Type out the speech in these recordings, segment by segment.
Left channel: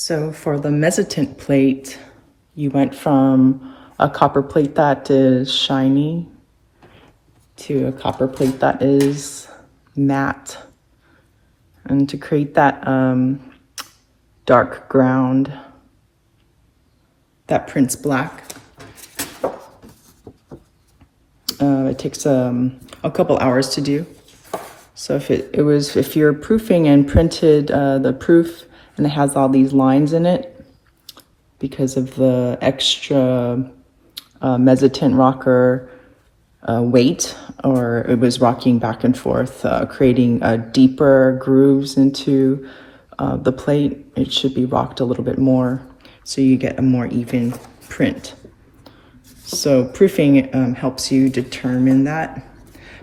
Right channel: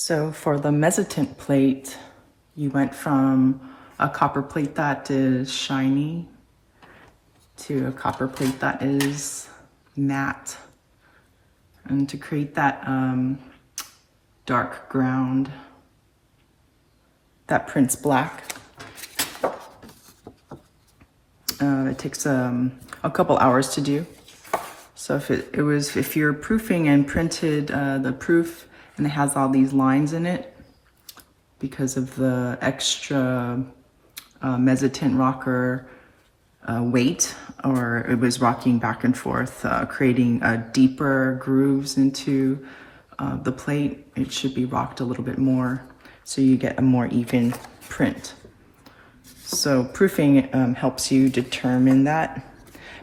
So for the Mezzotint plate, you went from a copper plate that is shiny to a copper plate that is matte. And to create that dark ground that prints black, it takes a couple hours to do. So if you're proofing and printed the proof and it has all these lines in it because of the extra Mezzotint rocker weight, or it was rocking back and forth, creating deeper grooves into the plate, it should be rocked a little bit more so you get a more even print. So proofing helps you determine that.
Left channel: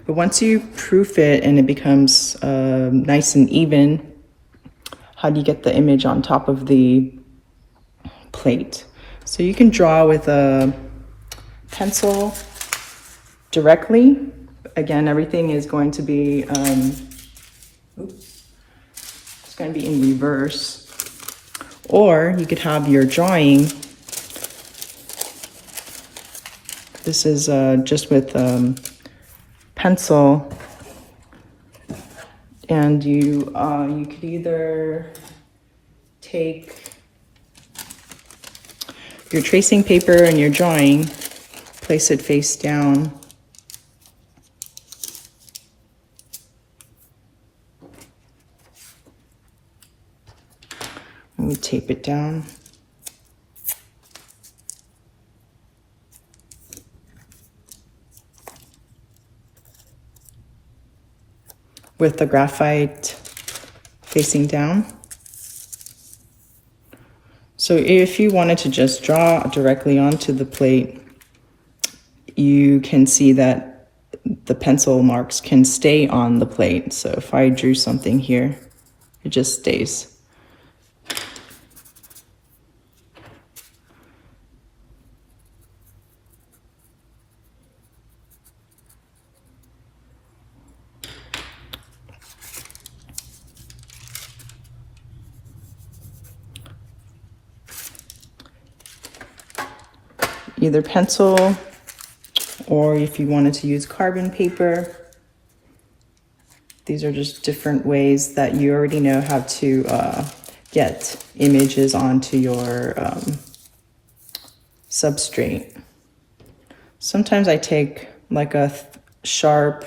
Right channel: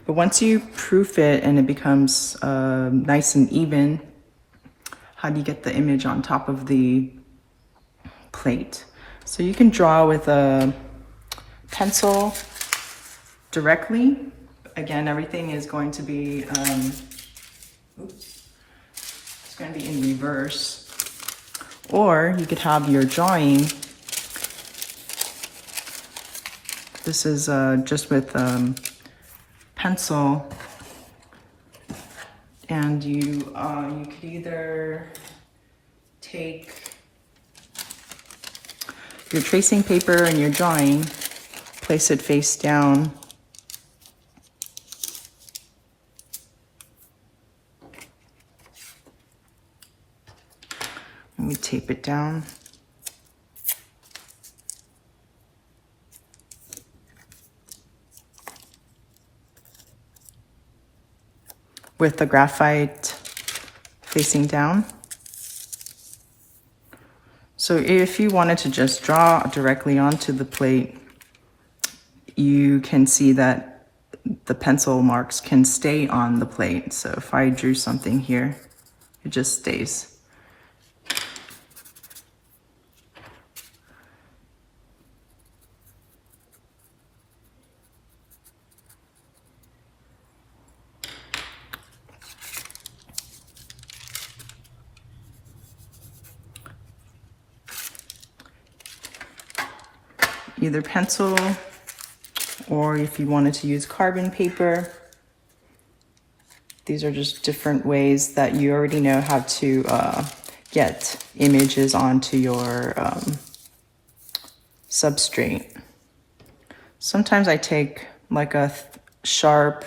But once you proof it and it becomes nice and even, how do you get the image on top of the plate? So you can draw with a pencil directly. Again, everything is going to be, it's going to be in reverse. Or you could have your drawing. This is just with pencil, and you could either take your tracing paper and your drawing, place it face down, and we tape it down. With the graphite facing down. So if you wanted to just draw directly onto the plate, you can see that the pencil marks can stay on the plate. So if I drew something here, it just stays. Either pencil, or if you wanted to use carbon paper. These are just different ways that you already know how to get images onto your substrate. Sometimes I take like a sharp,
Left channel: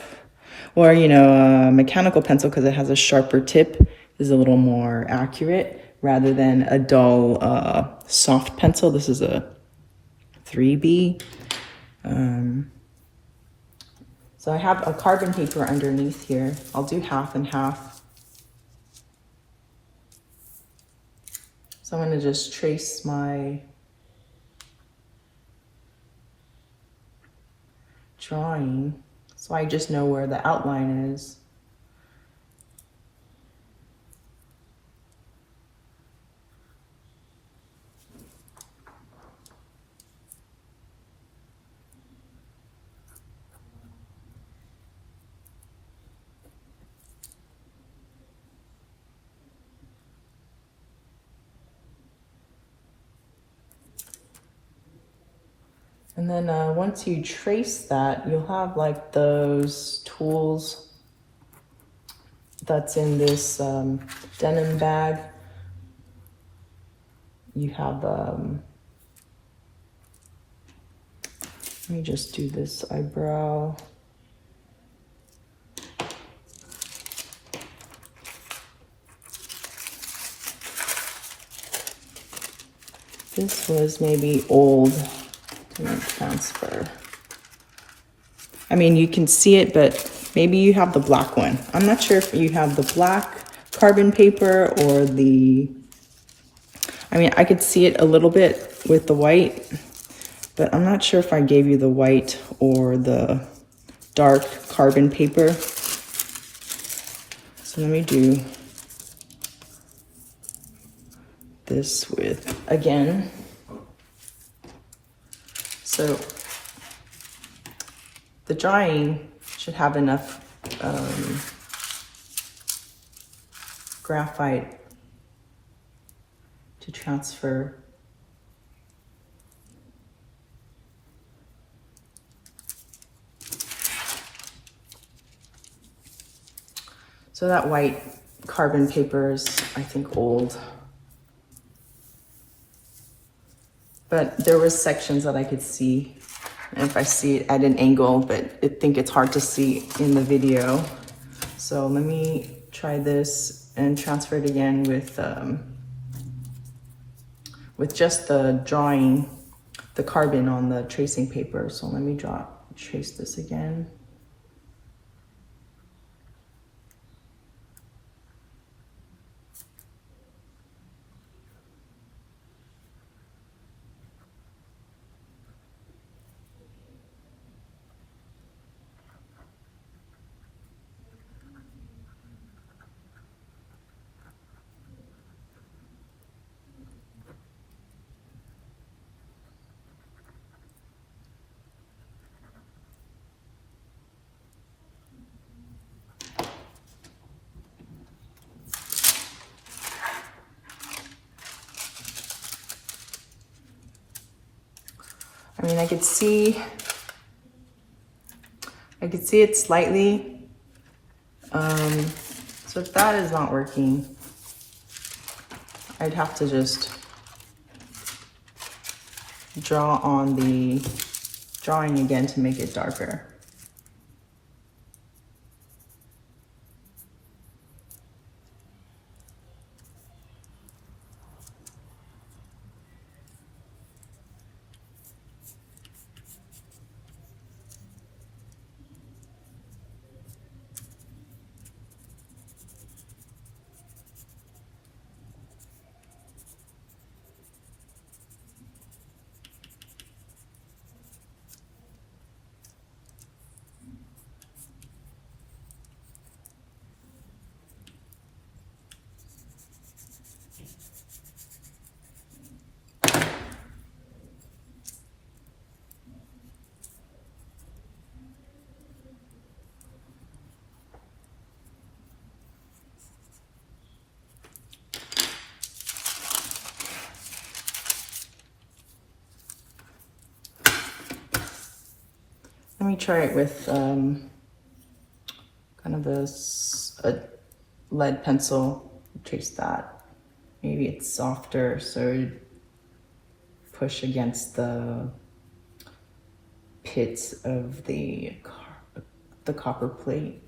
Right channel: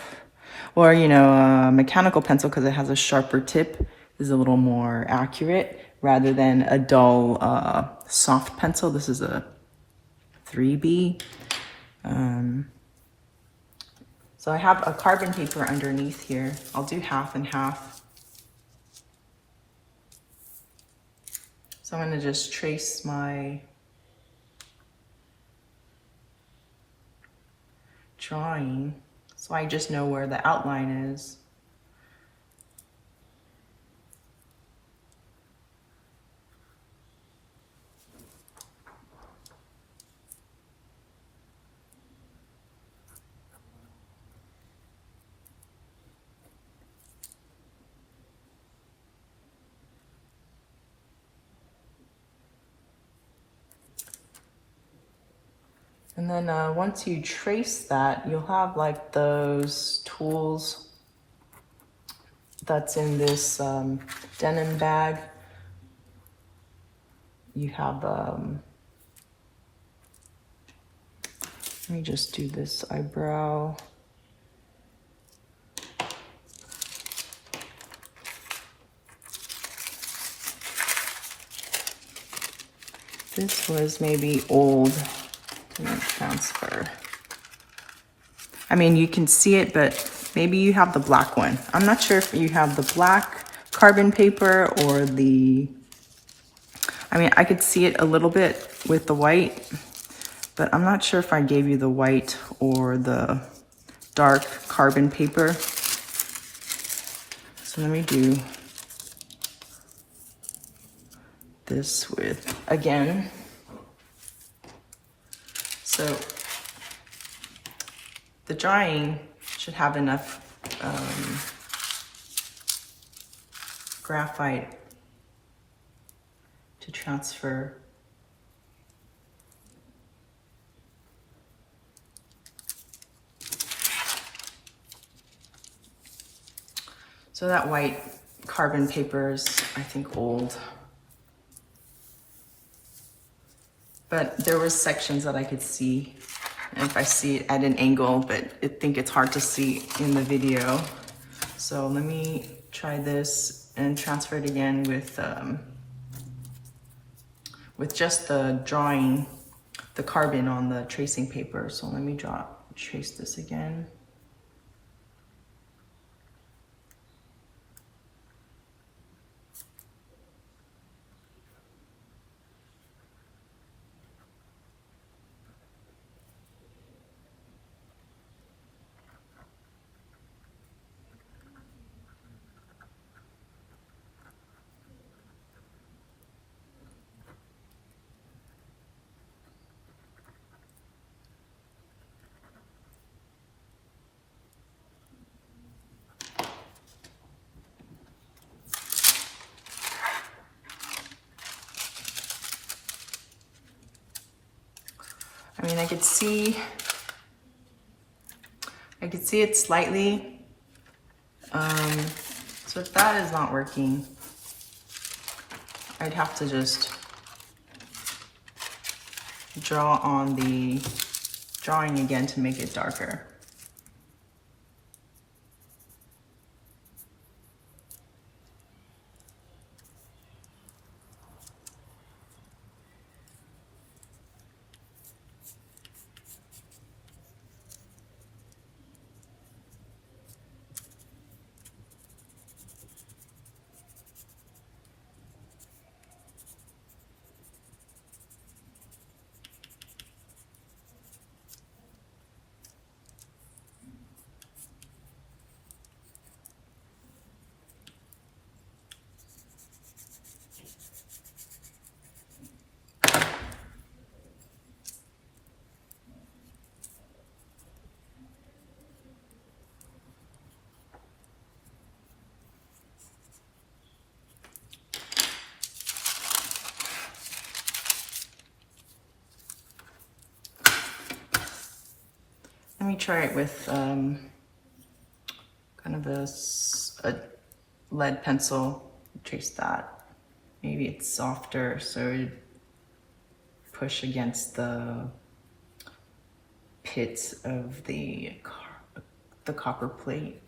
or a mechanical pencil, because it has a sharper tip, is a little more accurate rather than a dull soft pencil. This is a 3B. So I have a carbon paper underneath here. I'll do half and half. So I'm going to just trace my drawing so I just know where the outline is. And then once you trace that, you'll have like those tools that's in this denim bag. You have, let me just do this eyebrow. This was maybe old. Transfer. I mean, you can see it, but maybe you have the black one. I'm not sure if you have the black carbon paper or I could see it a little bit with the white, but I'm not sure if I gave you the white or the dark carbon paper. So let me do this with, again. So the drawing should have enough graphite to to transfer. So that white carbon paper is, I think, old. But there was sections that I could see, and if I see it at an angle, but I think it's hard to see in the video. So let me try this and transfer it again with just the drawing, the carbon on the tracing paper. So let me trace this again. I mean, I could see it slightly. So if that is not working, I'd have to just draw on the drawing again to make it darker. Let me try it with kind of a lead pencil. Trace that. Maybe it's softer, so it'd push against the pits of the copper plate.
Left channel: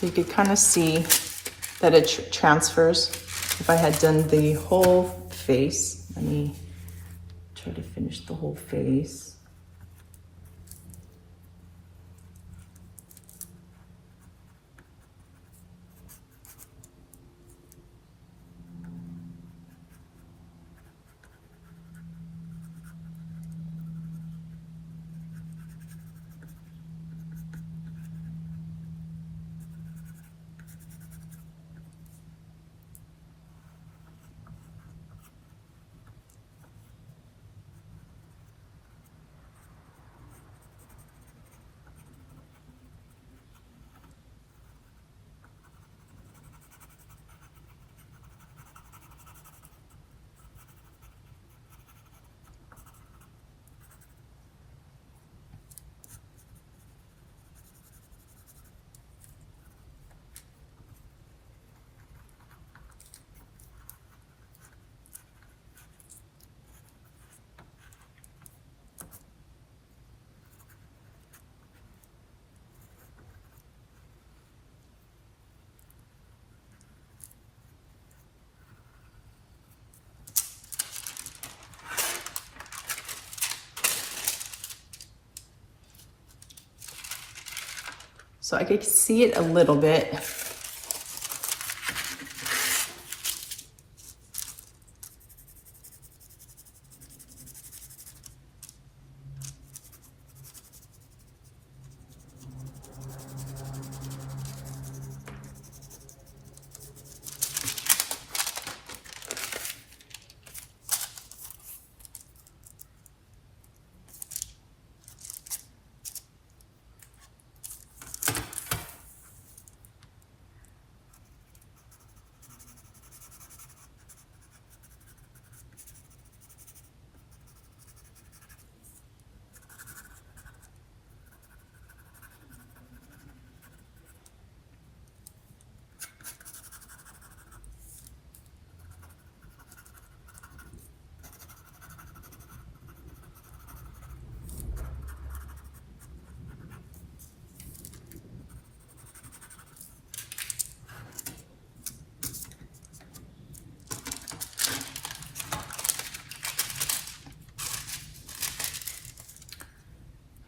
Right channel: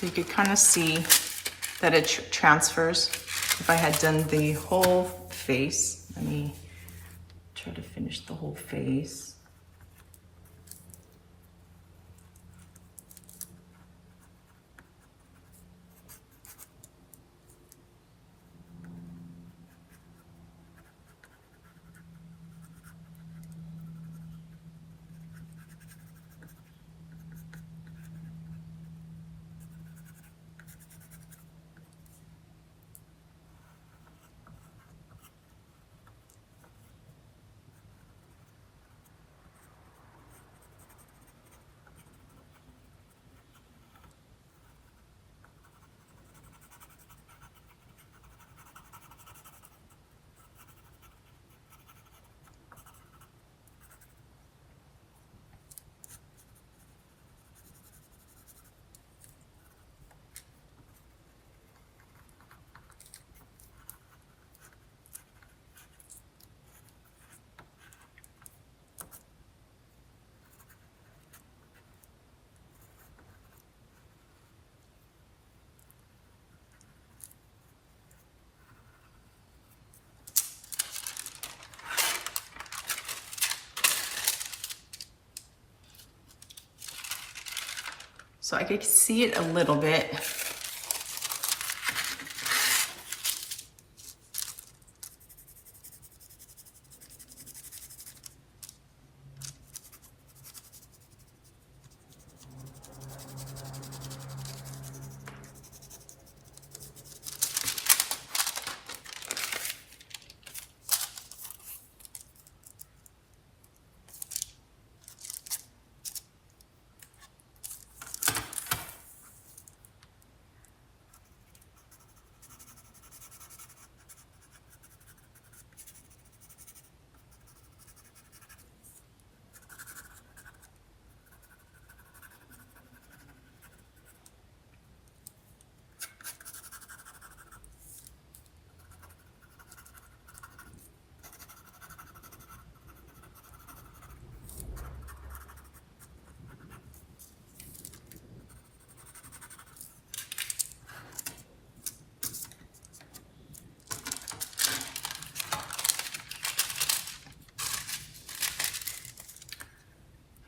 So you could kind of see that it transfers. If I had done the whole face, let me try to finish the whole face. So I could see it a little bit.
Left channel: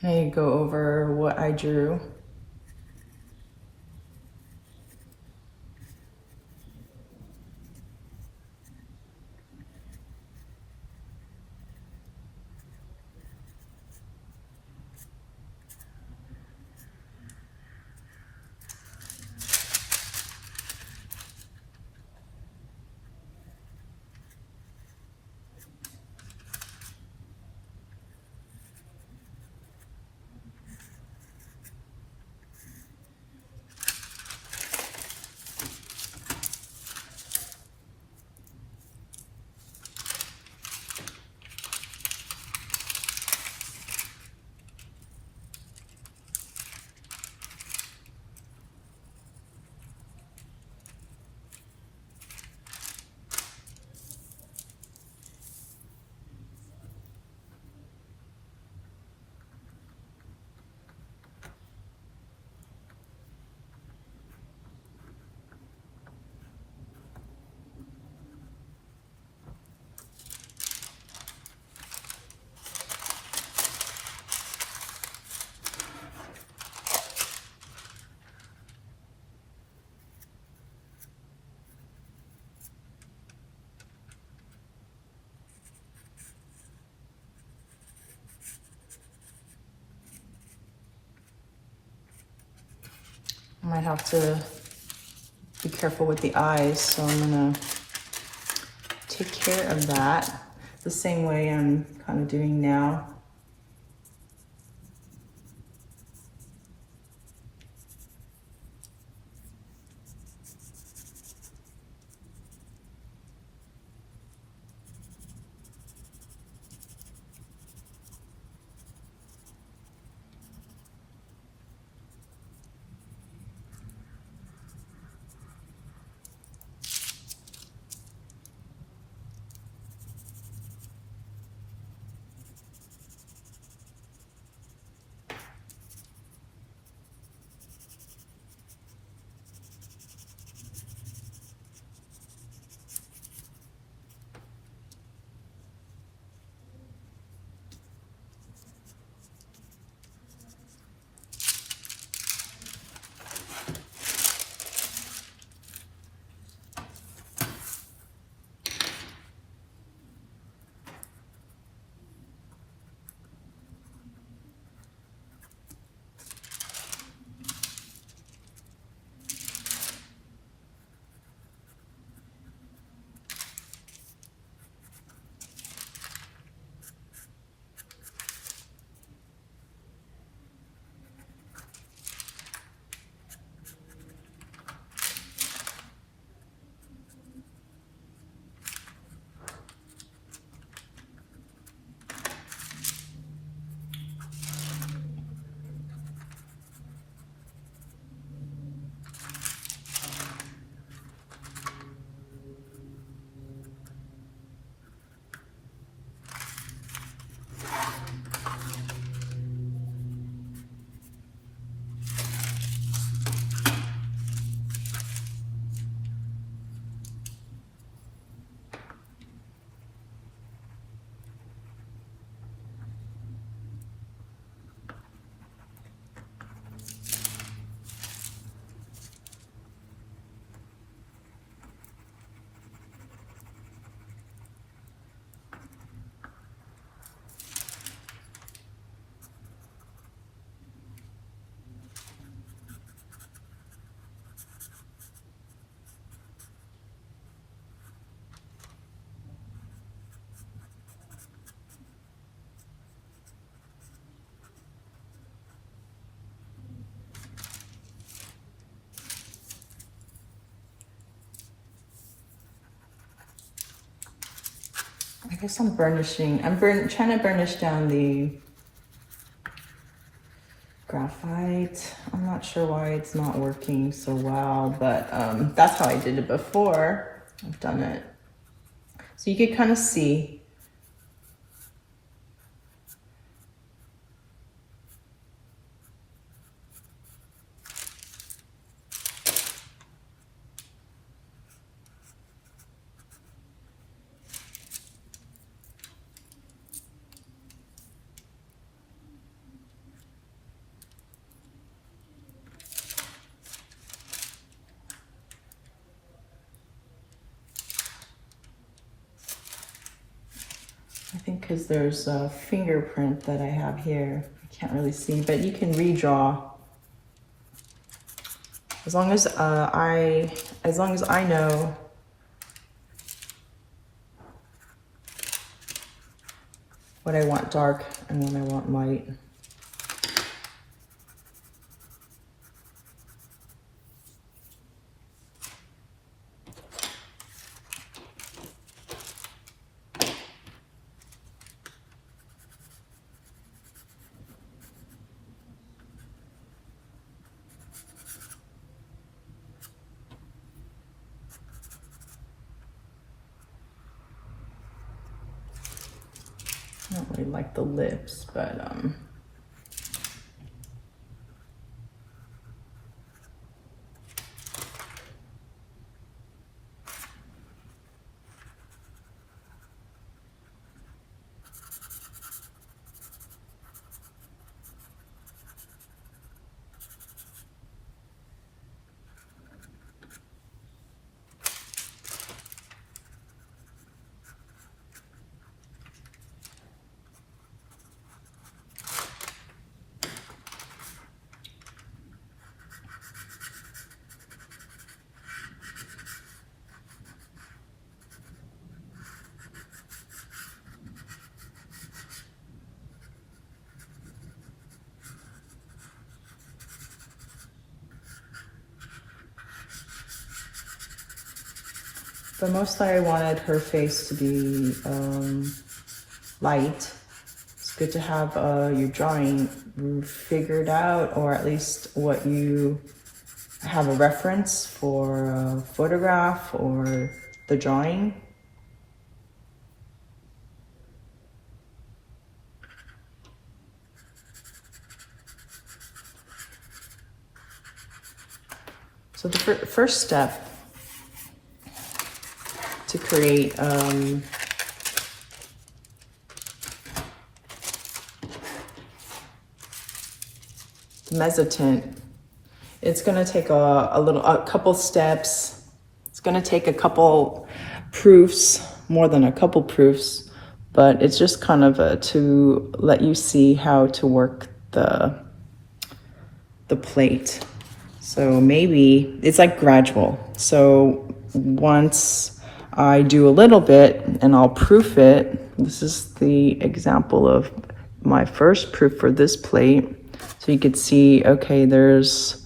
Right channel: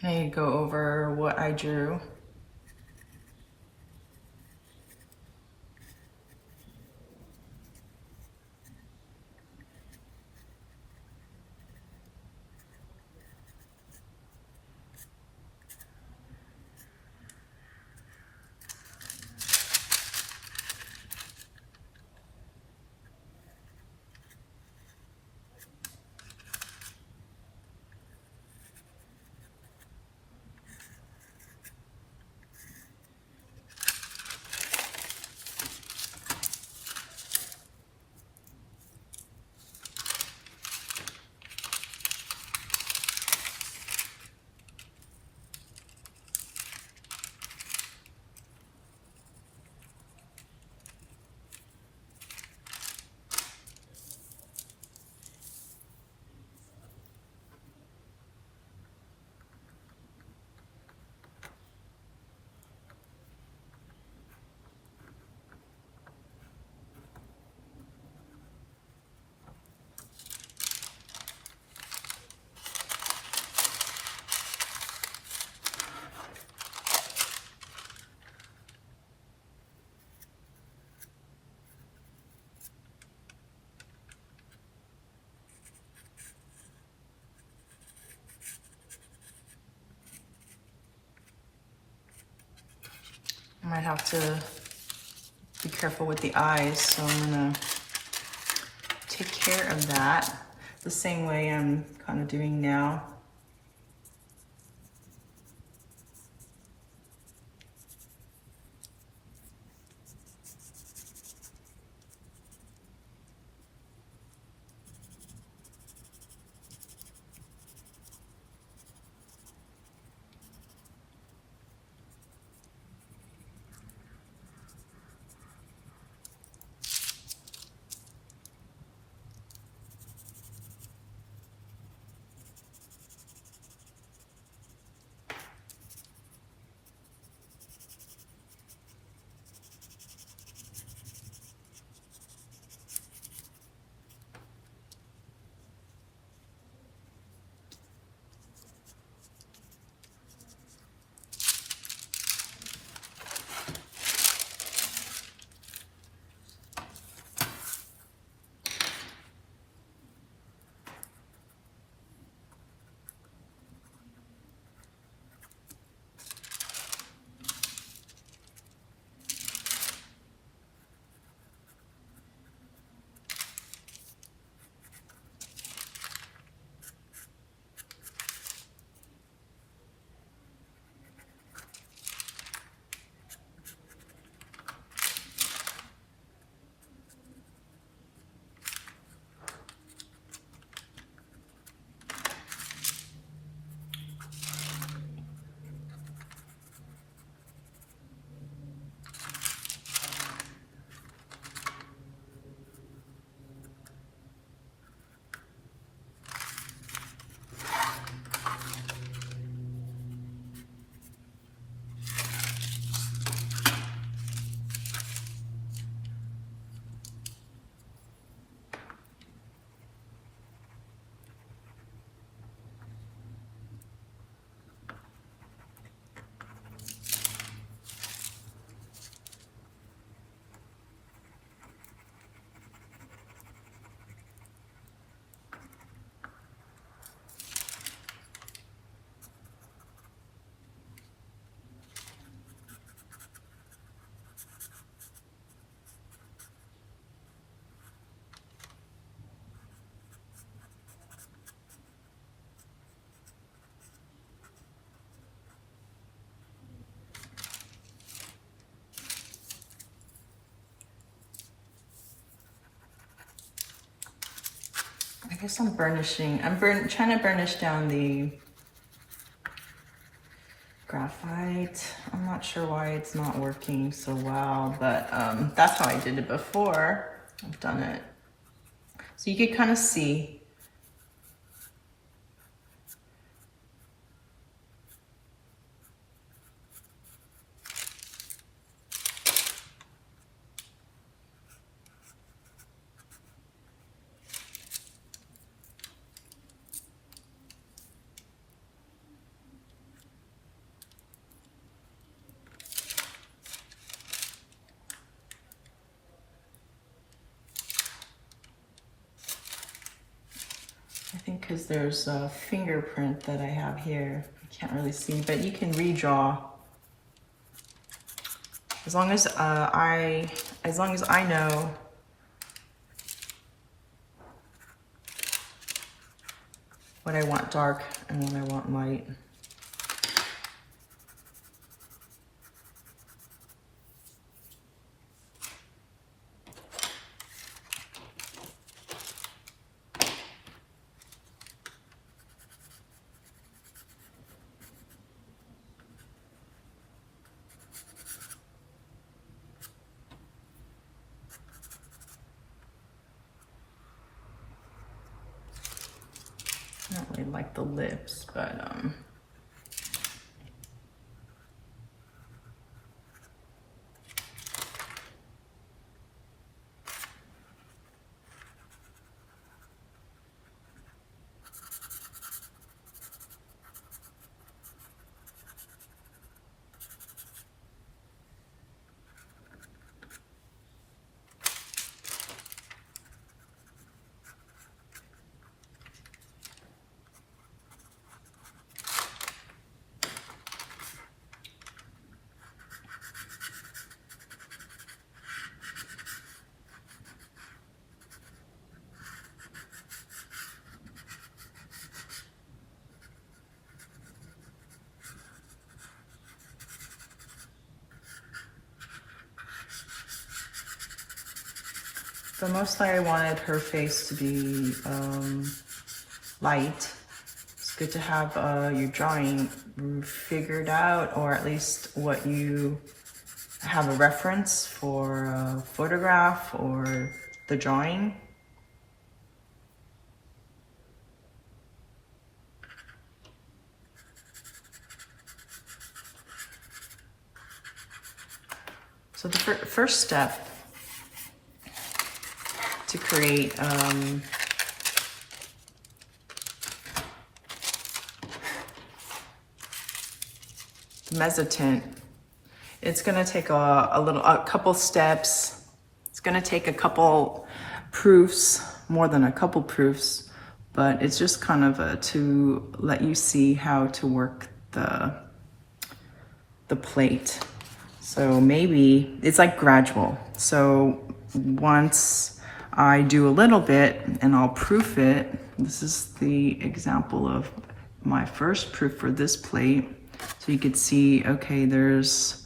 I go over what I drew. I might have to be careful with the eyes, so I'm gonna take care of that the same way I'm kind of doing now. I guess I'm burnishing. I'm trying to burnish down the graphite. I'm not sure why it's not working so well, but that's how I did it before. I've done it. So you could kind of see. because there's a fingerprint that I have here. I can't really see, but you can redraw. As long as I know what I want dark and what I want light. I don't really like the lips, but but mostly I wanted her face to be light. It's good to have your drawing figured out, or at least what you have a reference for a photograph or the drawing. So the first step to create Mezzotint, it's going to take a couple steps. It's going to take a couple proofs, more than a couple proofs, but it's just kind of to let you see how to work the plate. So maybe it's like gradual. So once I do a little bit and I'll proof it. This is the example of my first proof for this plate. So you could see, okay, there's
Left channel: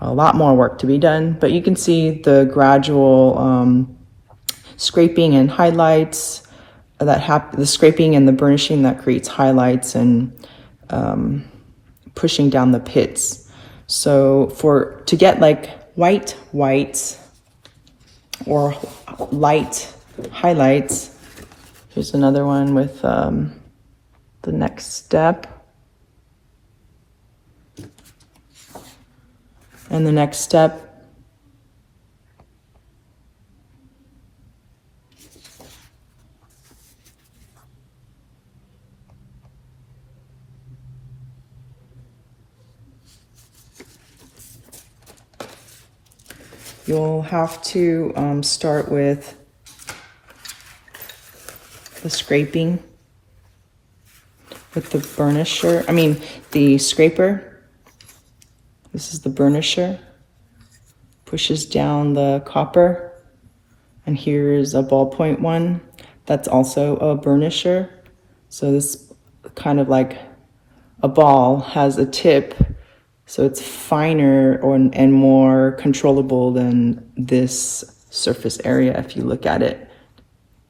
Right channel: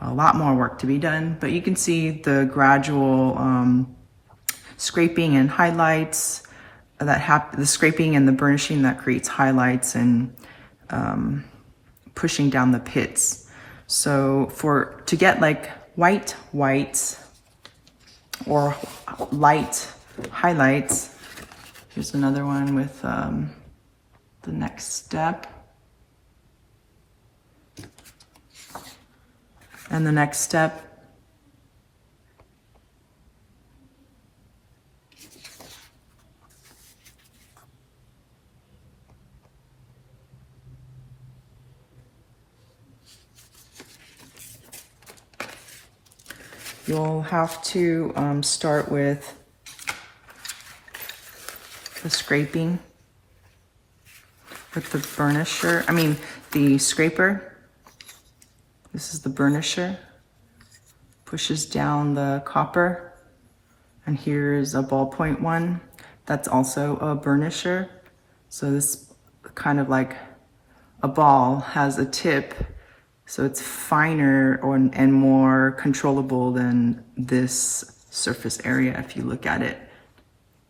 a lot more work to be done, but you can see the gradual scraping and highlights that happen, the scraping and the burnishing that creates highlights and pushing down the pits. So to get like white whites or light highlights, here's another one with the next step. And the next step, you'll have to start with the scraping with the burnisher, the scraper. This is the burnisher, pushes down the copper, and here's a ballpoint one that's also a burnisher. So this kind of like a ball has a tip, so it's finer and more controllable than this surface area. If you look at it,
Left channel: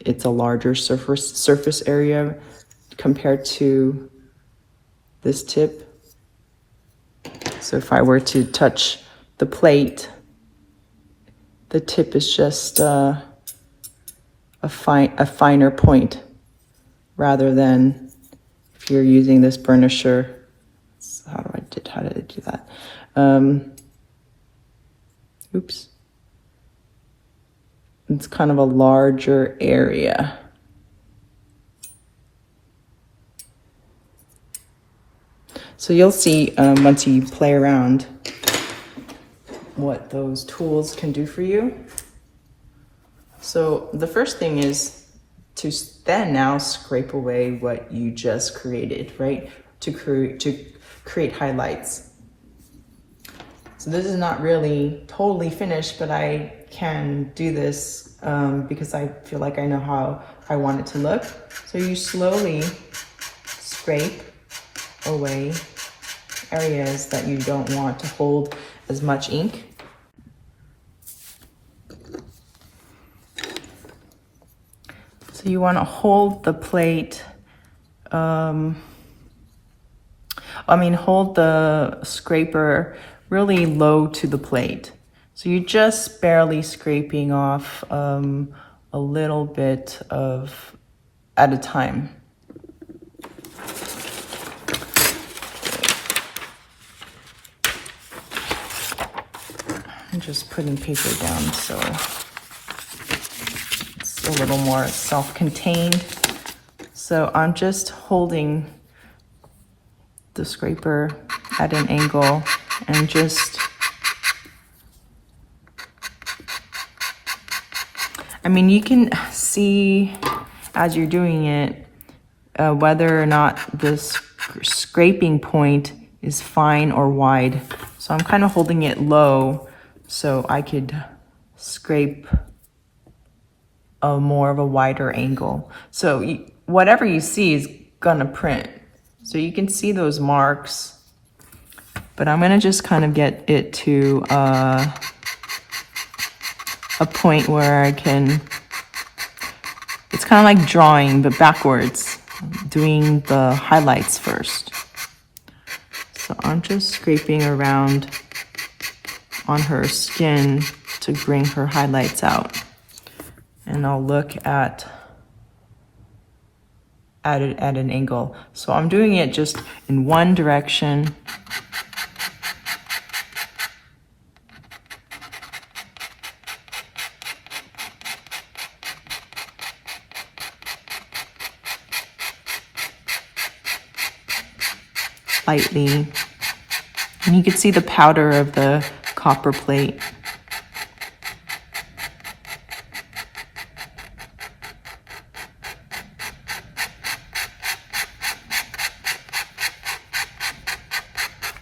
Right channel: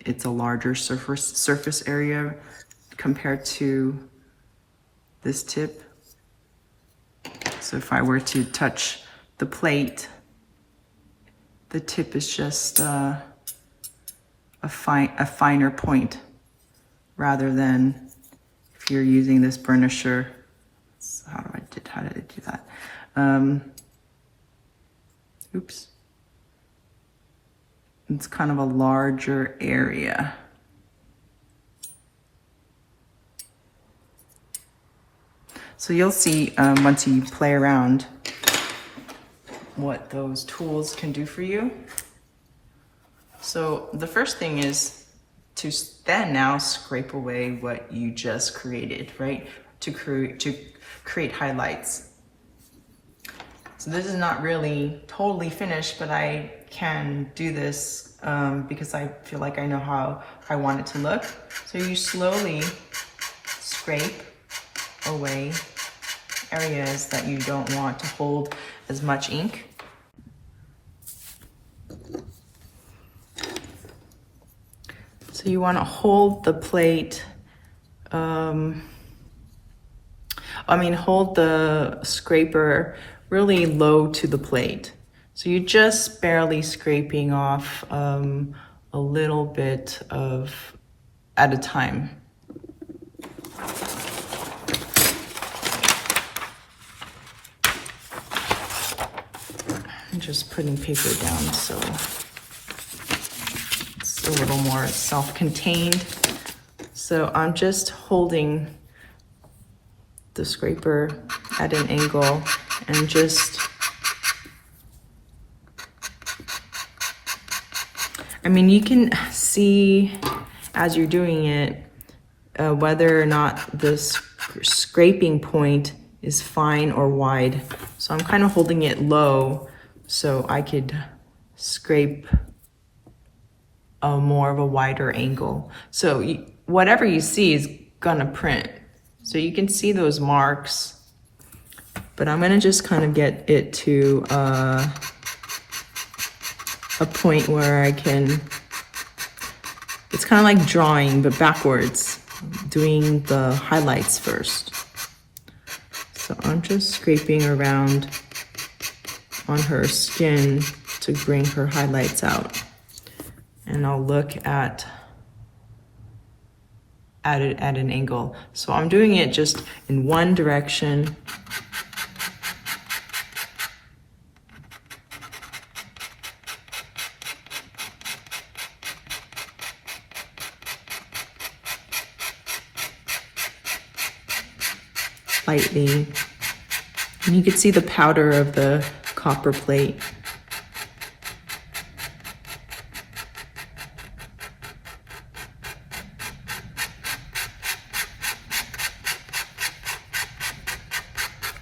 it's a larger surface area compared to this tip. So if I were to touch the plate, the tip is just a finer point, rather than if you're using this burnisher. So how did I do that? Oops. It's kind of a larger area. So you'll see once you play around what those tools can do for you. So the first thing is to then now scrape away what you just created, right? To create highlights. So this is not really totally finished, but I can do this because I feel like I know how I want it to look. So you slowly scrape away areas that you don't want to hold as much ink. So you want to hold the plate, hold the scraper really low to the plate. So you're just barely scraping off a little bit at a time. I'm just putting paper down so it's a little more self-contained. So I'm just holding the scraper at an angle and just, you can see as you're doing it whether or not the scraping point is fine or wide. So I'm kind of holding it low so I could scrape a more of a wider angle. So whatever you see is gonna print. So you can see those marks, but I'm gonna just kind of get it to a point where I can, it's kind of like drawing, but backwards, doing the highlights first. So I'm just scraping around on her skin to bring her highlights out. And I'll look at it at an angle. So I'm doing it just in one direction. Lightly. And you can see the powder of the copper plate.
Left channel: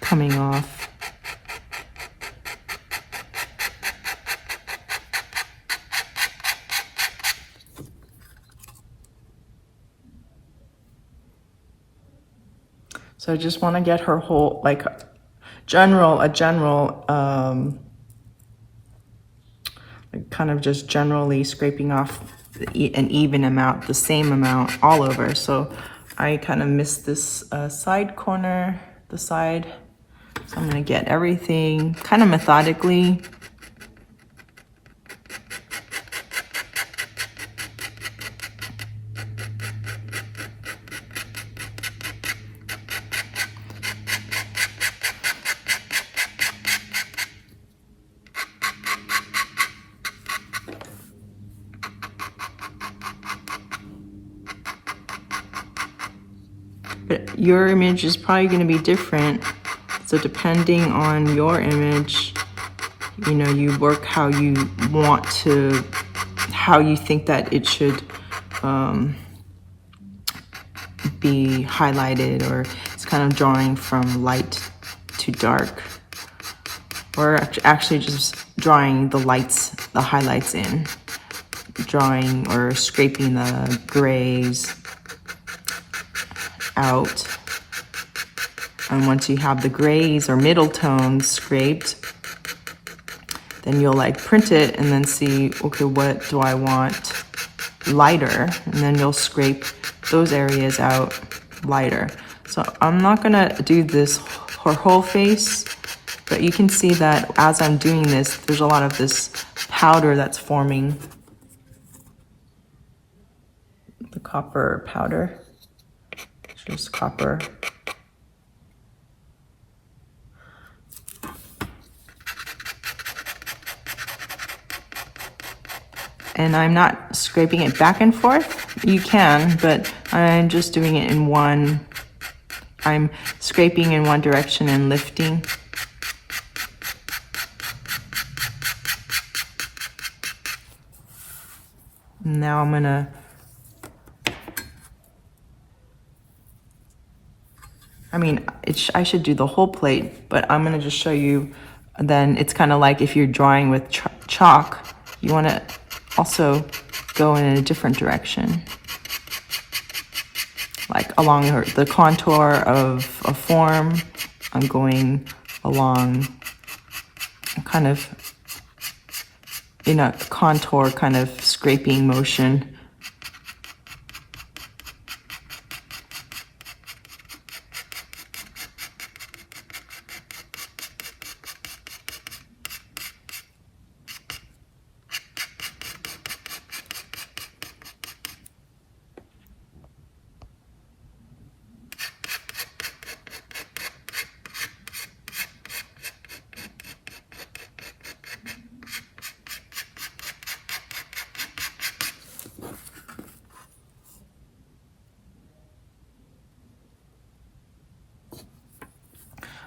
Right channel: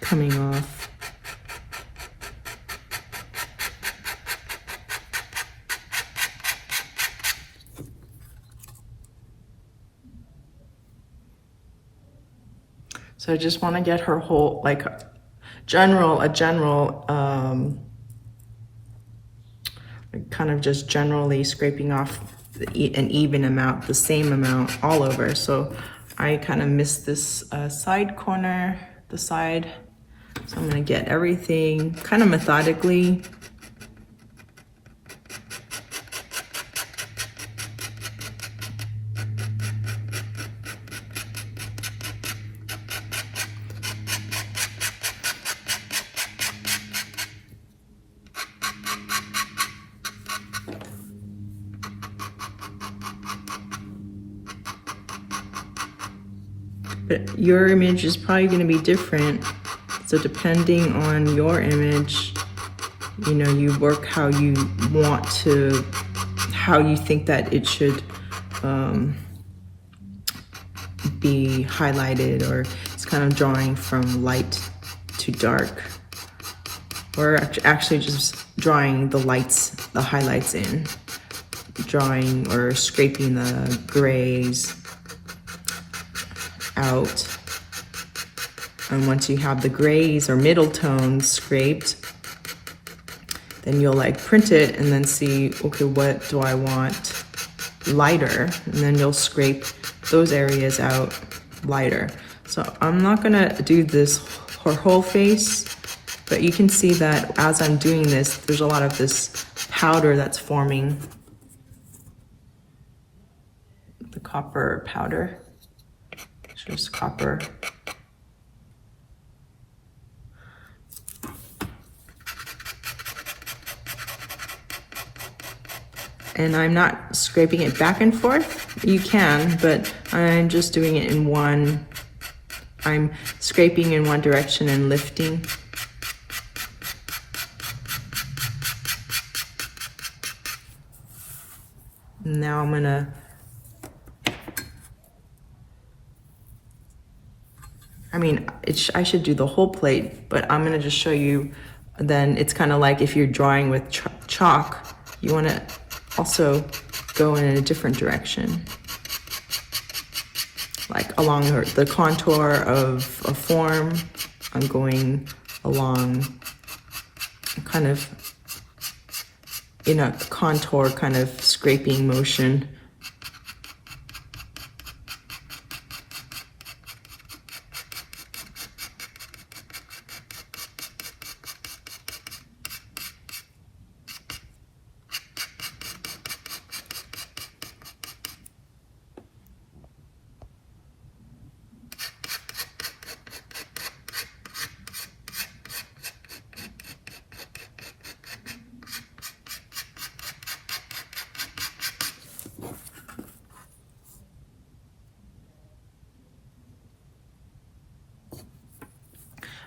Coming off. So I just want to get her whole, like a general, kind of just generally scraping off an even amount, the same amount all over. So I kind of missed this side corner, the side. So I'm going to get everything kind of methodically. But your image is probably going to be different. So depending on your image, you work how you want to, how you think that it should be highlighted, or it's kind of drawing from light to dark, or actually just drawing the highlights in, drawing or scraping the grays out. And once you have the grays or middle tones scraped, then you'll print it and then see, okay, what do I want lighter? And then you'll scrape those areas out lighter. So I'm not gonna do this her whole face, but you can see that as I'm doing this, there's a lot of this powder that's forming, the copper powder. Just copper. And I'm not scraping it back and forth. You can, but I'm just doing it in one. I'm scraping in one direction and lifting. Now I'm gonna I mean, I should do the whole plate, but I'm gonna just show you. Then it's kind of like if you're drawing with chalk, you want to also go in a different direction, like along the contour of a form. I'm going along kind of in a contour kind of scraping motion.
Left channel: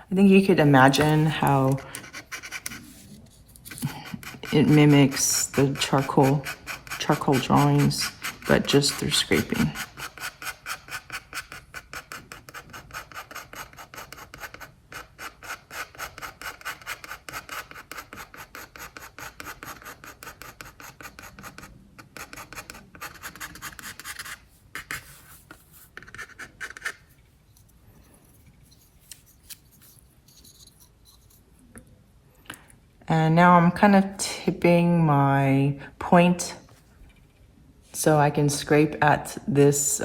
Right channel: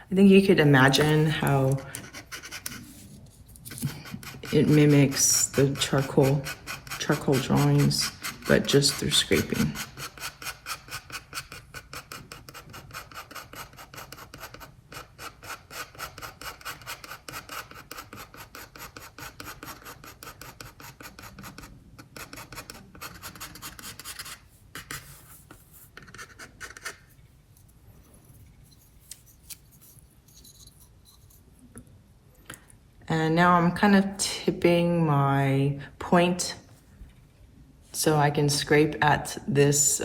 I think you could imagine how it mimics the charcoal drawings, but just through scraping. And now I'm kind of tipping my point so I can scrape at this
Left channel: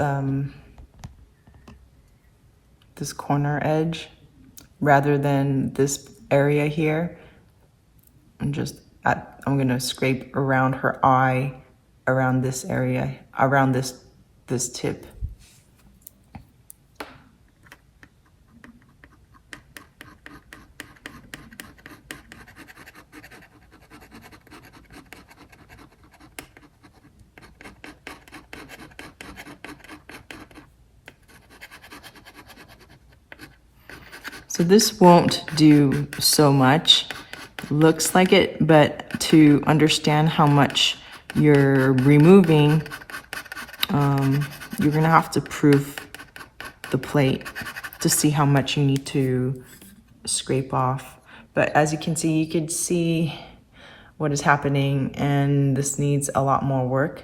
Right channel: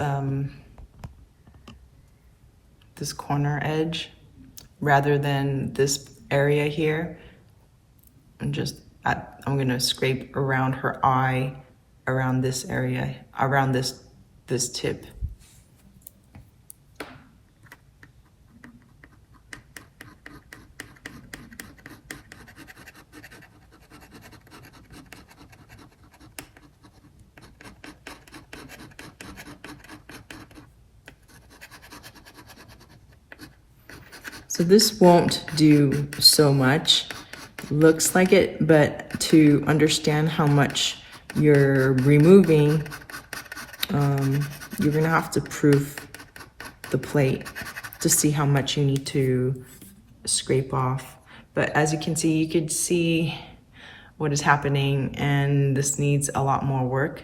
this corner edge rather than this area here. I'm gonna scrape around her eye, around this area, around this tip. So this won't do so much, looks like it, but to understand how much you're removing, you're gonna have to proof the plate to see how much you need to scrape off. But as you can see, you could see what is happening, and this needs a lot more work.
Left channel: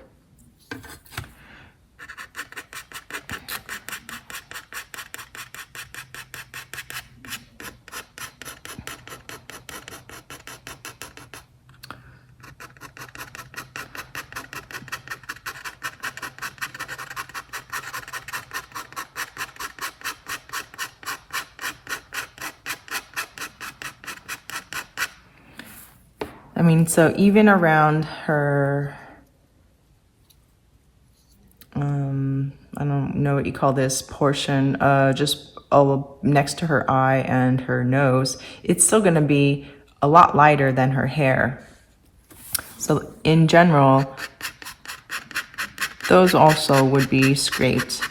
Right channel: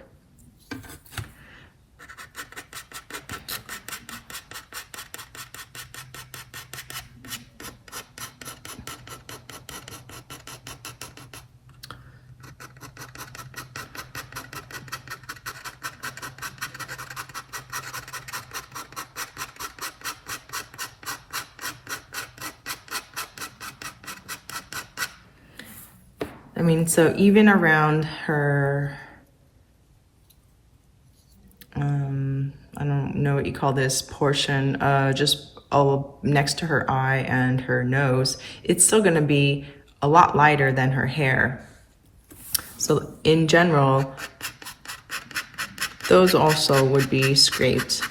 I mean, so even around her, I don't know what you call this portion, just next to her eye and her nose, it's still gonna be a lot lighter than her hair. So in general, those also would be scraped.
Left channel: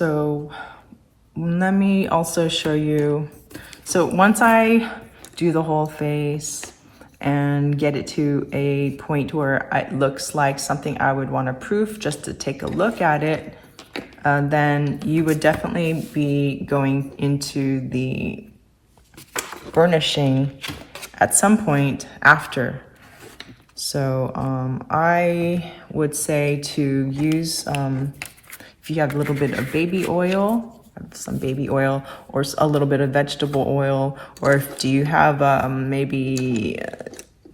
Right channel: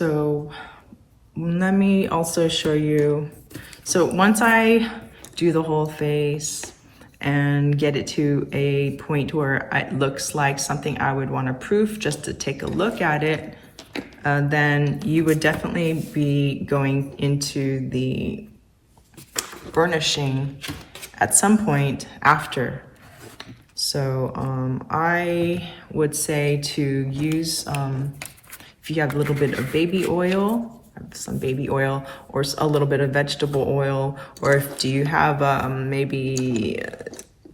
So let me also show you. So once I do the whole face and get it to a point where it looks like something I would want to proof just to take a look at it, then you would definitely be going into the burnishing at some point after. So I would say to use, if you have a little bit of baby oil, some baby oil, or a little bit of vegetable oil, or if do you have maybe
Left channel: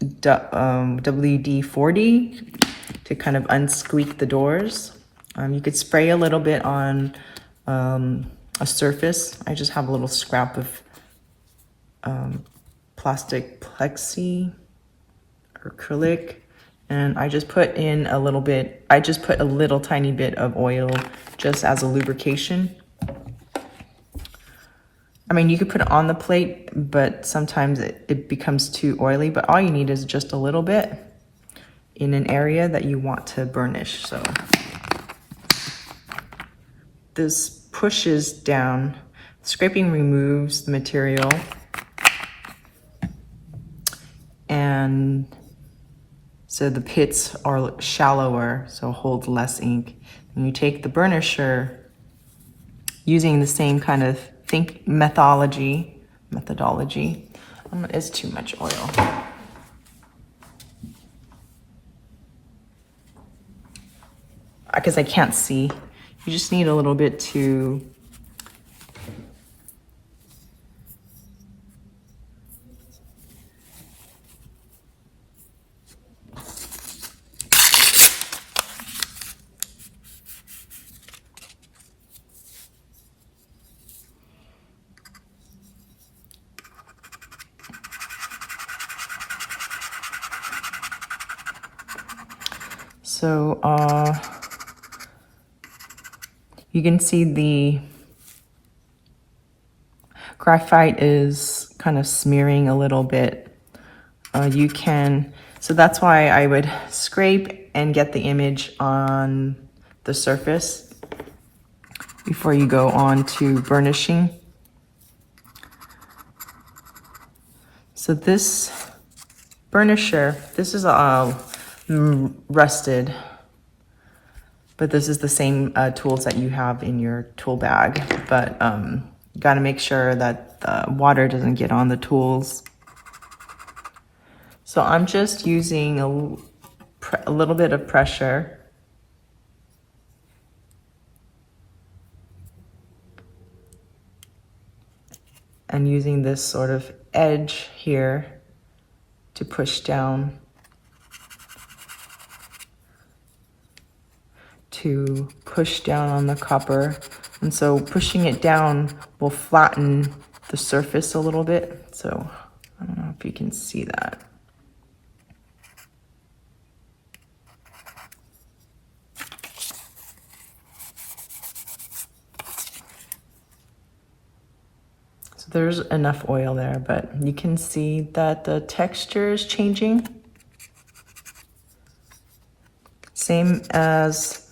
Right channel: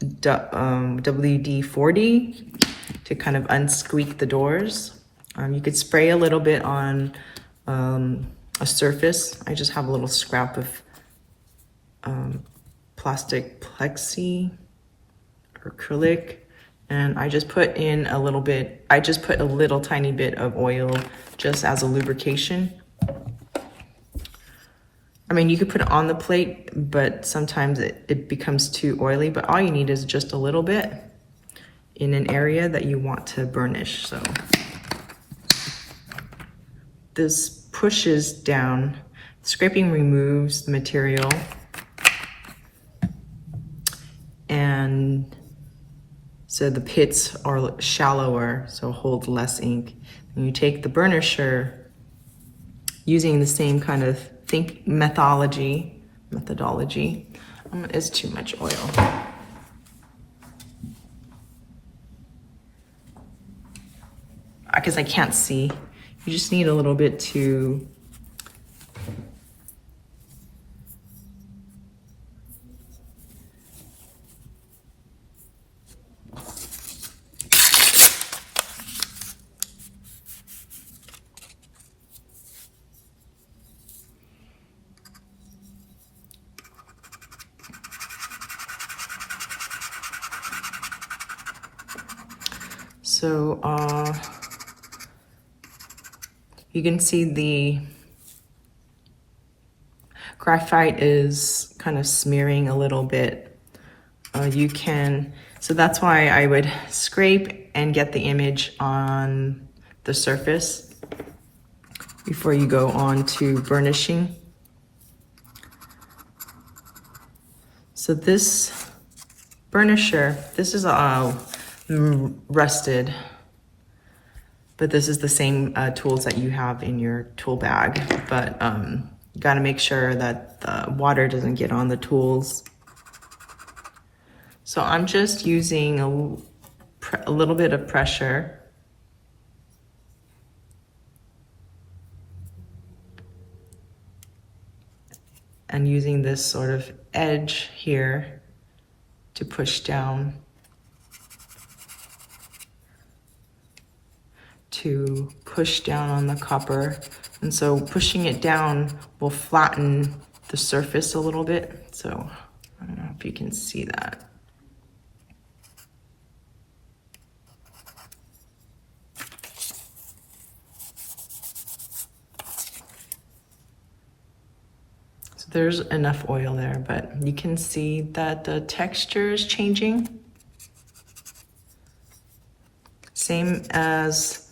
WD-40 to kind of unsqueak the doors. You could spray a little bit on a surface. I just have a little scrap of plastic plexi or acrylic, and I just put in a little bit, I just put a little tiny bit of oil just as a lubrication. I mean, you could put it on the plate, but sometimes it becomes too oily, but all you need is just a little bit in an area that you want to burnish. So this pushes down, scraping removes the material, and so the pits are shallower, so hold less ink. And you take the burnisher using the same kind of methodology. It's too much oil. Because I can't see. You just need a little bit to you can see the graphite is kind of smearing a little bit. So that's why I would scrape and get the image on the surface before you go on to burnishing. So this burnisher, this is rusted, but this is the same tools that you have in your tool bag, but you gotta make sure that the water doesn't get on the tools. So I'm just using a little bit of pressure and using this sort of edge here to push down on the copper. And so pushing it down will flatten the surface a little bit. So I don't know if you can see that. So there's enough oil there, but you can see that the texture is changing. Same as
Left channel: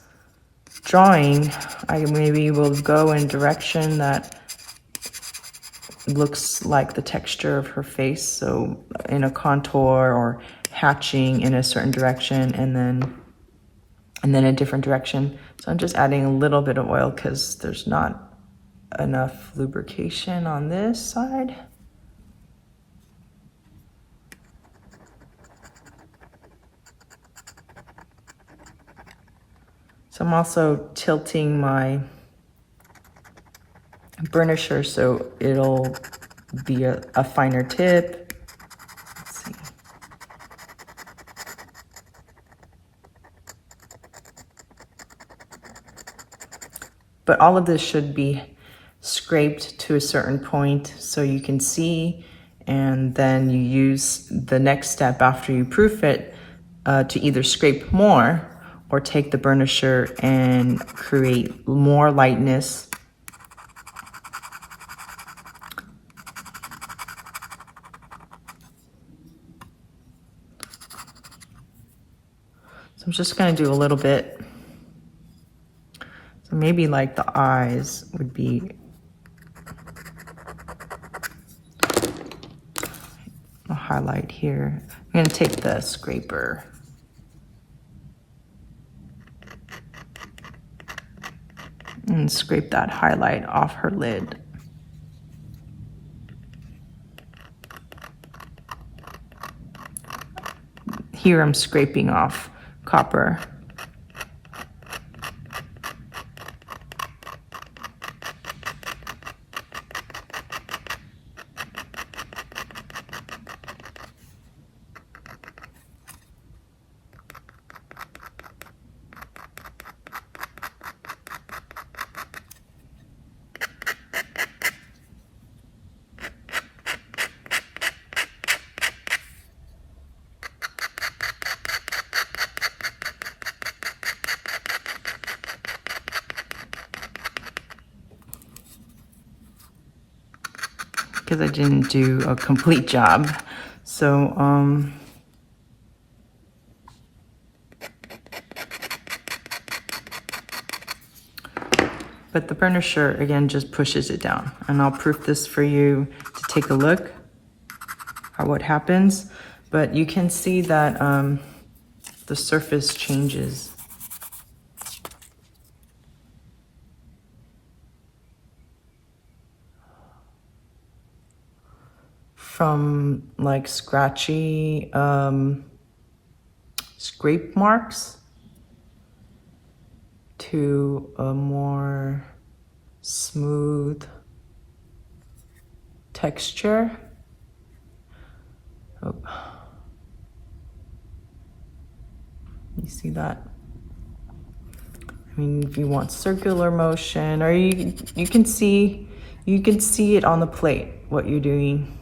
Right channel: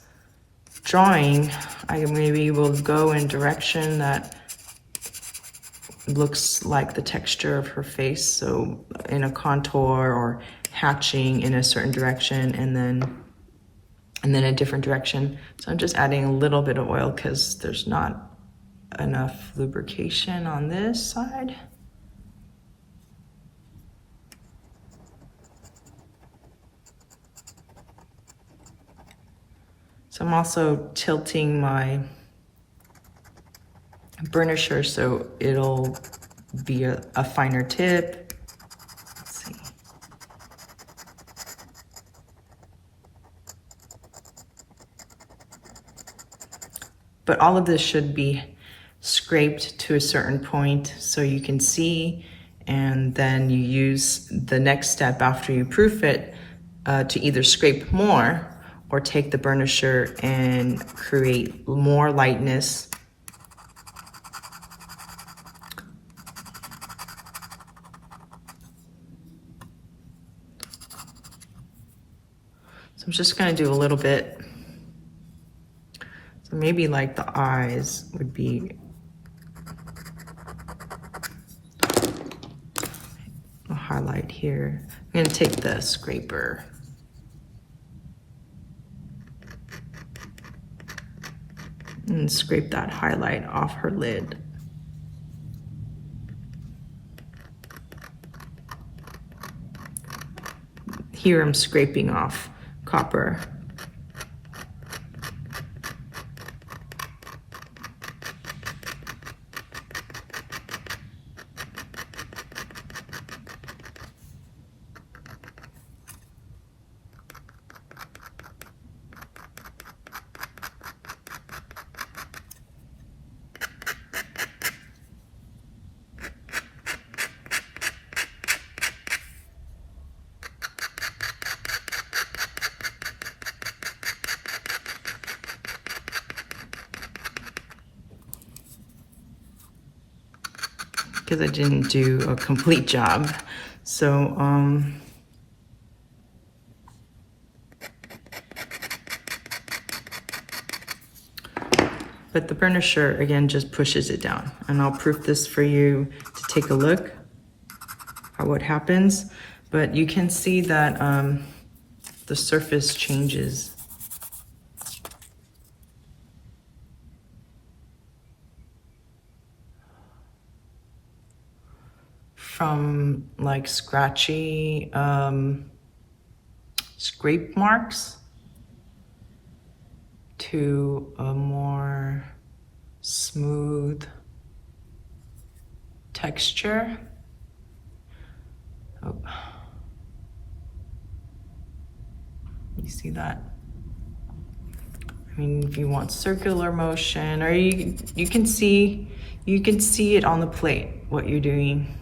drawing, I maybe will go in a direction that looks like the texture of her face, so in a contour or hatching in a certain direction, and then a different direction. So I'm just adding a little bit of oil because there's not enough lubrication on this side. So I'm also tilting my burnisher so it'll be a finer tip. Let's see. But all of this should be scraped to a certain point so you can see, and then you use the next step after you proof it to either scrape more or take the burnisher and create more lightness. So I'm just gonna do a little bit. So maybe like the eyes would be a highlight here. I'm gonna take the scraper. And scrape that highlight off her lid. here I'm scraping off copper. Because I didn't do a complete job. So, but the burnisher, again, just pushes it down. And I'll proof this for you to take a look at what happens. But you can see that the surface changes. From like scratchy scrape marks to a more smooth texture. Oh. You see that? I mean, if you want circular motion, or you can see it on the plate what you're doing.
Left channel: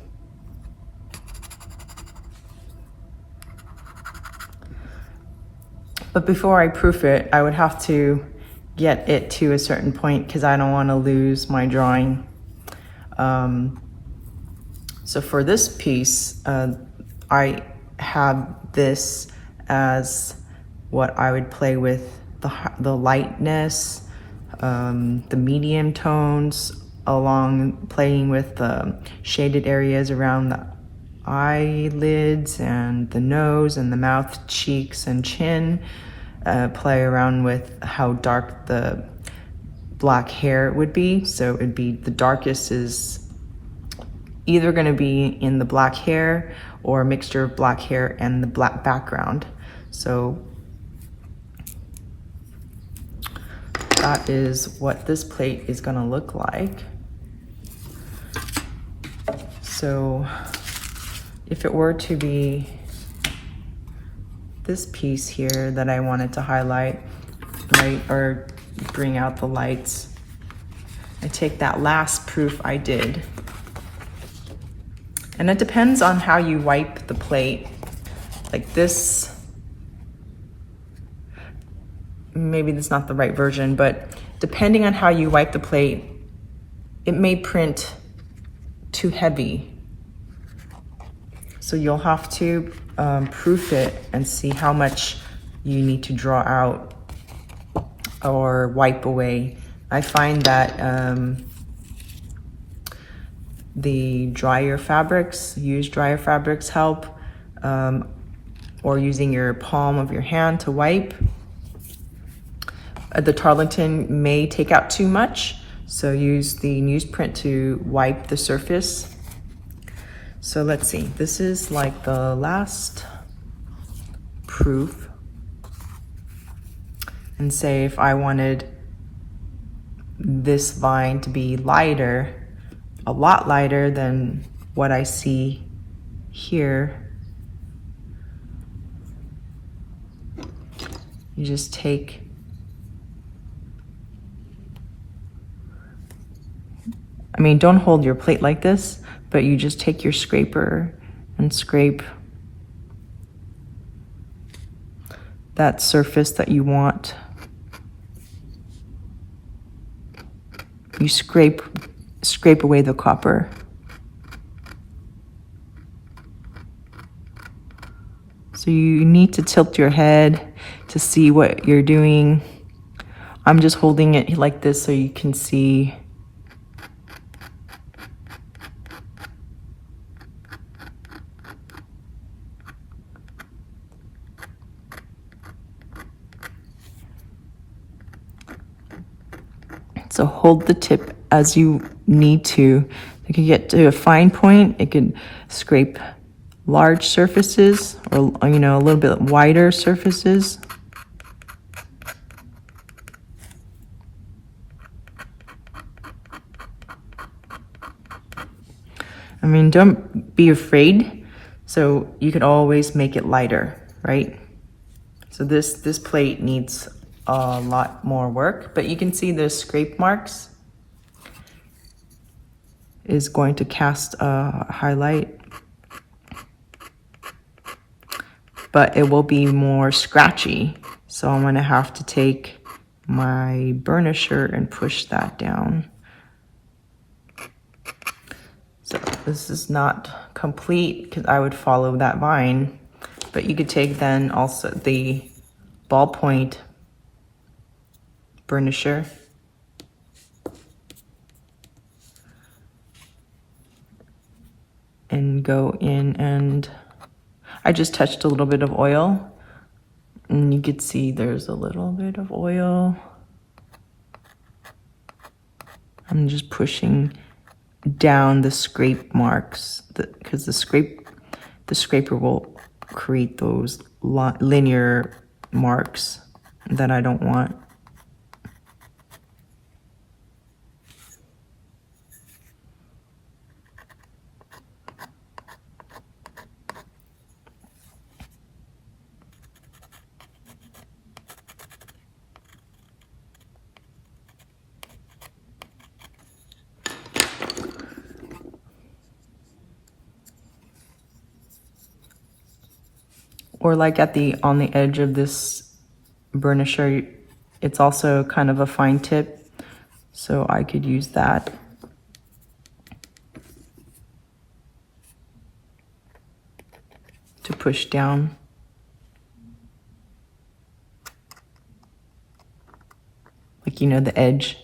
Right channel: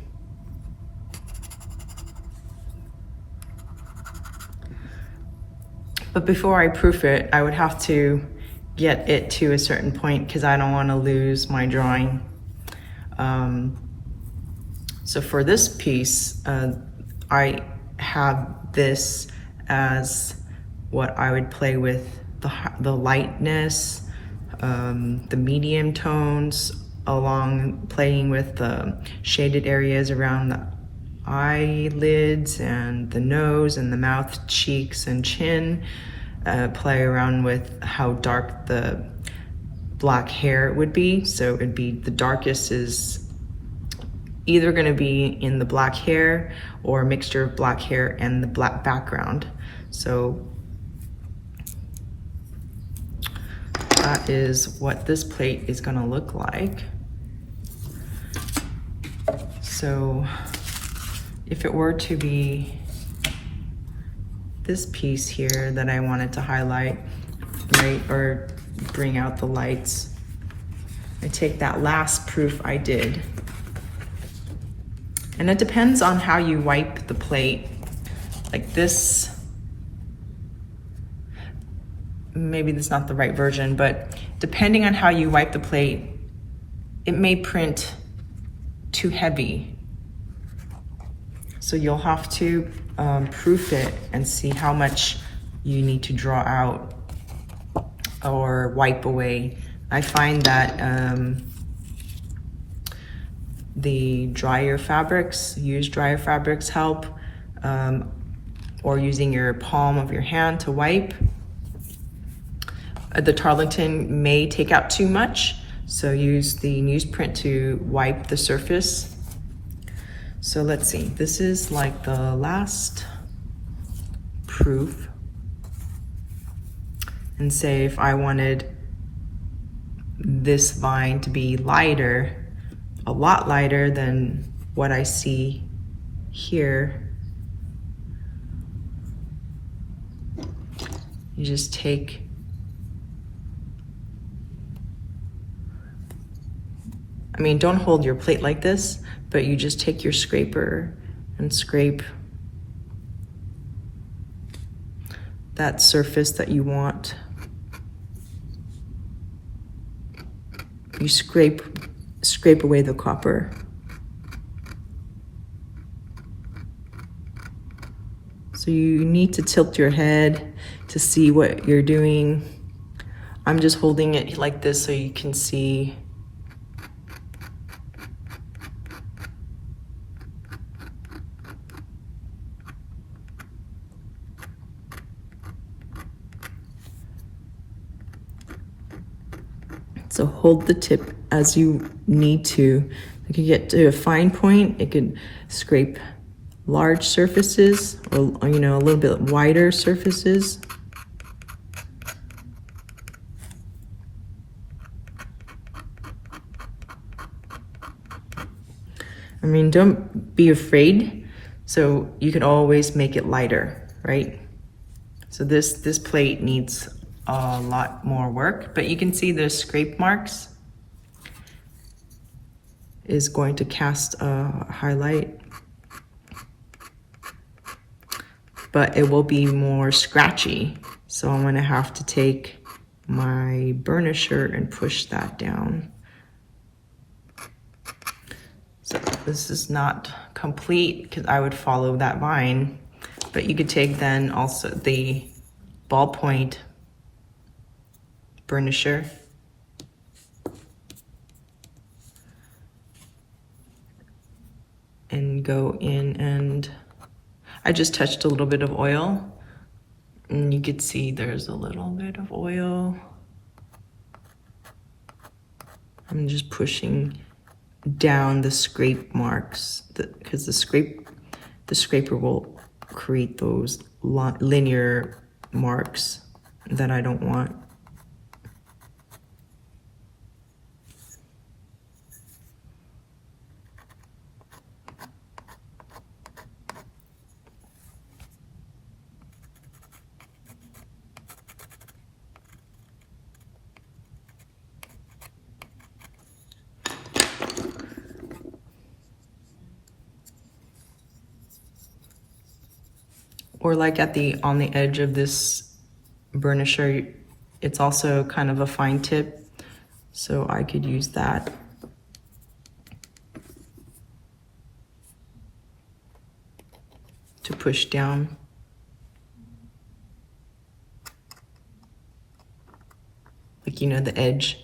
But before I proof it, I would have to get it to a certain point because I don't want to lose my drawing. So for this piece, I have this as what I would play with the lightness, the medium tones, along playing with the shaded areas around the eyelids and the nose and the mouth, cheeks and chin, play around with how dark the black hair would be. So it'd be the darkest is either going to be in the black hair or a mixture of black hair and the black background. So that is what this plate is going to look like. So if it were to be this piece here that I wanted to highlight, right, or bring out the lights, I take that last proof I did. And it depends on how you wipe the plate. Like this, maybe that's not the right version, but depending on how you wipe the plate, it may print too heavy. So you'll have to proof it and see how much you need to draw out or wipe away. I find that the drier fabrics, used drier fabrics help, or using your palm of your hand to wipe. The Tarlington may take out too much, so use the newsprint to wipe the surface. So let's see, this is like the last proof. And say if I wanted this line to be lighter, a lot lighter than what I see here, you just take don't hold your plate like this, but you just take your scraper and scrape that surface that you want. You scrape away the copper. So you need to tilt your head to see what you're doing. I'm just holding it like this so you can see. So hold the tip as you need to. You can get to a fine point, it could scrape large surfaces, or you know, a little bit wider surfaces. I mean, don't be afraid. So you can always make it lighter, right? So this plate needs a lot more work, but you can see the scrape marks is going to cast a highlight, but it will be more scratchy. So I'm gonna have to take my burnisher and push that down. So this is not complete because I would follow that line, but you could take then also the ballpoint burnisher and go in, and I just touched a little bit of oil, and you could see there's a little bit of oil. I'm just pushing down the scrape marks because the scraper will create those linear marks that I don't want. Or like on the edge of this burnisher, it's also kind of a fine tip, so I could use that. To push down. Like, you know, the edge.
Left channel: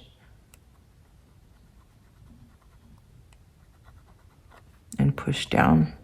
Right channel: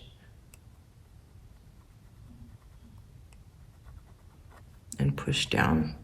And push down.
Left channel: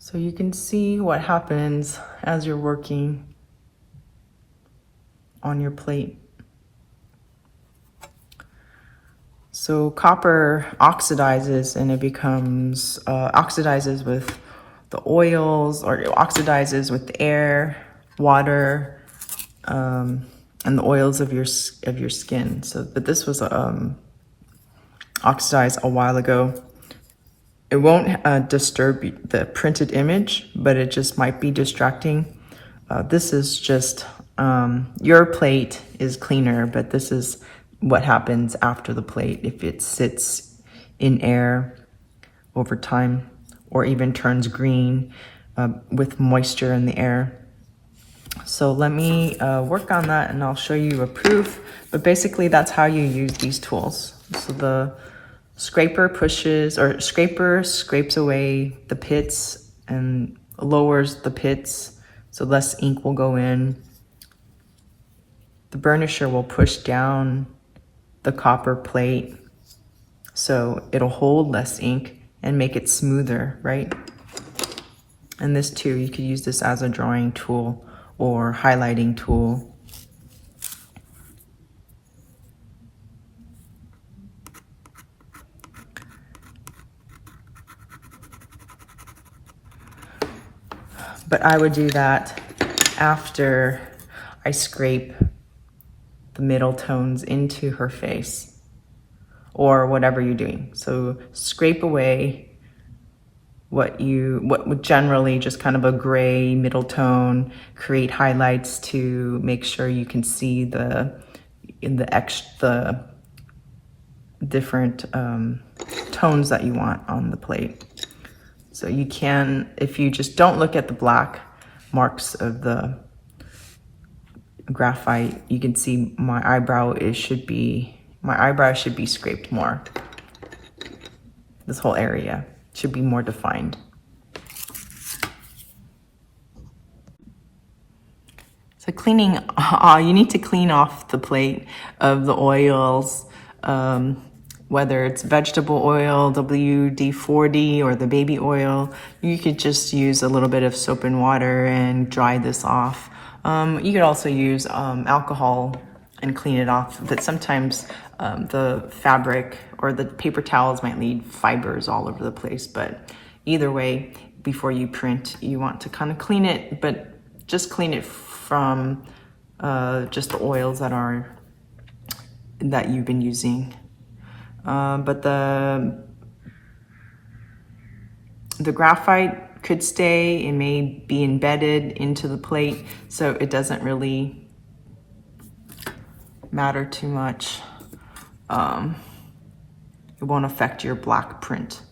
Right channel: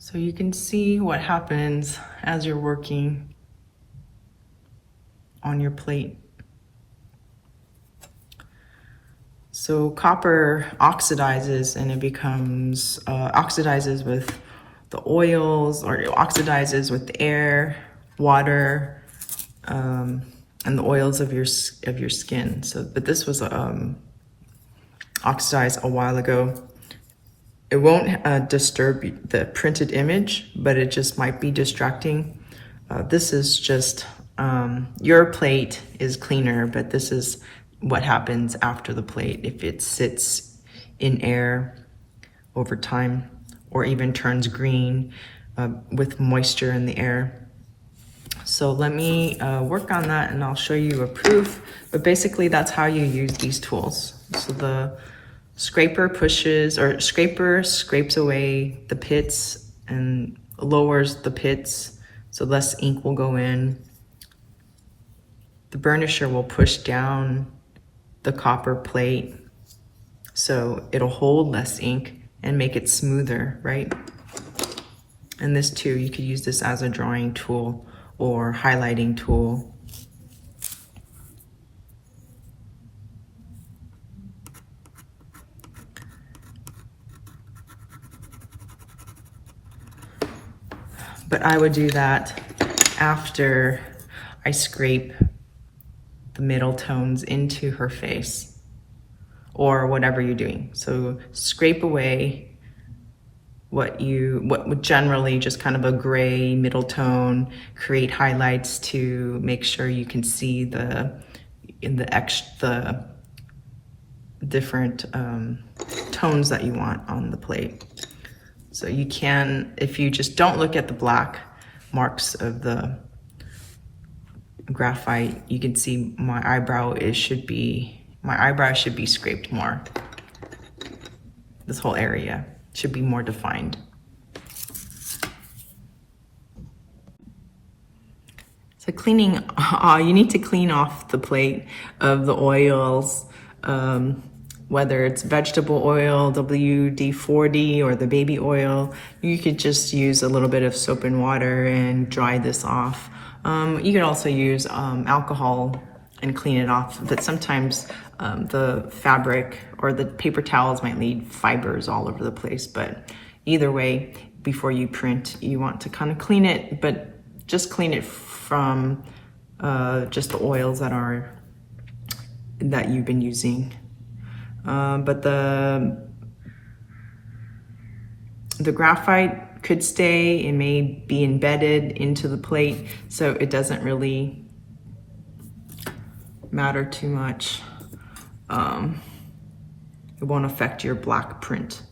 So you can see what happens as you're working on your plate. So copper oxidizes, and it becomes, oxidizes with the oils, or it oxidizes with the air, water, and the oils of your skin. So, but this was oxidized a while ago. It won't disturb the printed image, but it just might be distracting. This is just, your plate is cleaner, but this is what happens after the plate if it sits in air over time, or even turns green with moisture in the air. So let me work on that, and I'll show you a proof. But basically that's how you use these tools. So the scraper scrapes away the pits and lowers the pits so less ink will go in. The burnisher will push down the copper plate so it'll hold less ink and make it smoother, right? And this too, you could use this as a drawing tool or highlighting tool. But I would do that after I scrape the middle tones into her face or whatever you're doing. So scrape away what would generally just kind of a gray middle tone, create highlights to make sure you can see the different tones that you want on the plate. So you can, if you just don't look at the black marks of the graphite, you can see my eyebrow should be scraped more. This whole area should be more defined. So cleaning, you need to clean off the plate of the oils, whether it's vegetable oil, WD-40, or the baby oil. You could just use a little bit of soap and water and dry this off. You could also use alcohol and clean it off, but sometimes the fabric or the paper towels might leave fibers all over the place. But either way, before you print, you want to kind of clean it, but just clean it from just the oils that you've been using. But the graphite could stay and may be embedded into the plate, so it doesn't really matter too much. It won't affect your black print.